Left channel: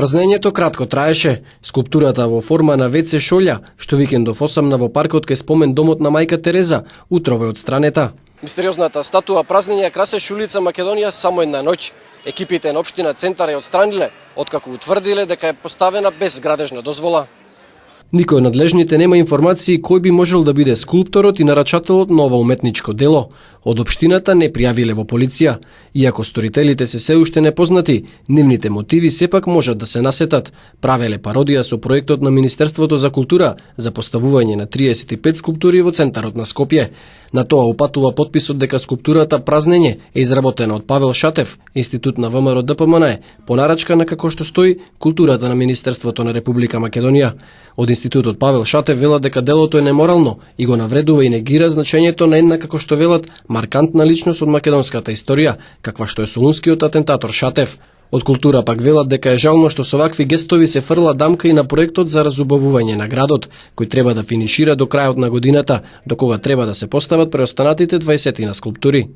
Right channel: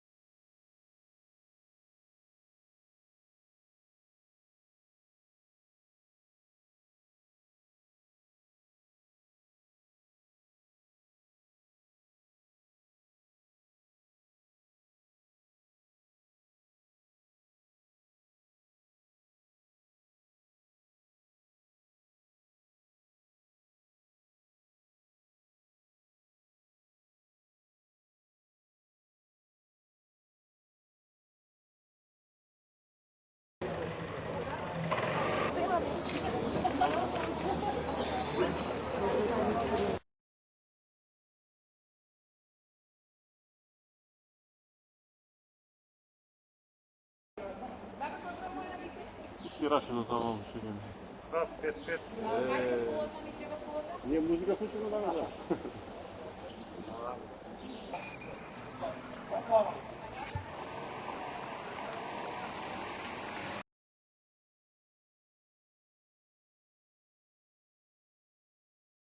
Празнењето кратко траеше. Скулптурата во форма на WC шолја, што викендов осамна во паркот кај спомен домот на мајка Тереза, утрово е одстранета. Мистериозната статуа празнење красеше улица Македонија само една ноќ. Екипите на општина Центар ја отстраниле, откако утврдиле дека е поставена без градежна дозвола. Никој од надлежните нема информации кој би можел да биде скулпторот и нарачателот на ова уметничко дело. Од општината не пријавиле во полиција. Иако сторителите се уште непознати, нивните мотиви сепак можат да се насетат. Правеле пародија со проектот на Министерството за култура за поставување на 35 скулптури во центарот на Скопје. На тоа упатува потписот дека скулптурата Празнење е изработена од Павел Шатев, Институт на ВМРО ДПМН, по нарачка на како што стои културата на Министерството на Република Македонија. Од Институтот Павел Шатев велат дека делото е неморално и го навредува и негира значењето на една, како што велат, маркантна личност од македонската историја, каква што е солунскиот атентатор Шатев. Од култура пак велат дека е жално што со вакви гестови се фрла дамка и на проектот за разубавување на градот, кој треба да финишира до крајот на годината, до кога треба да се постават преостанатите 20 на скулптури.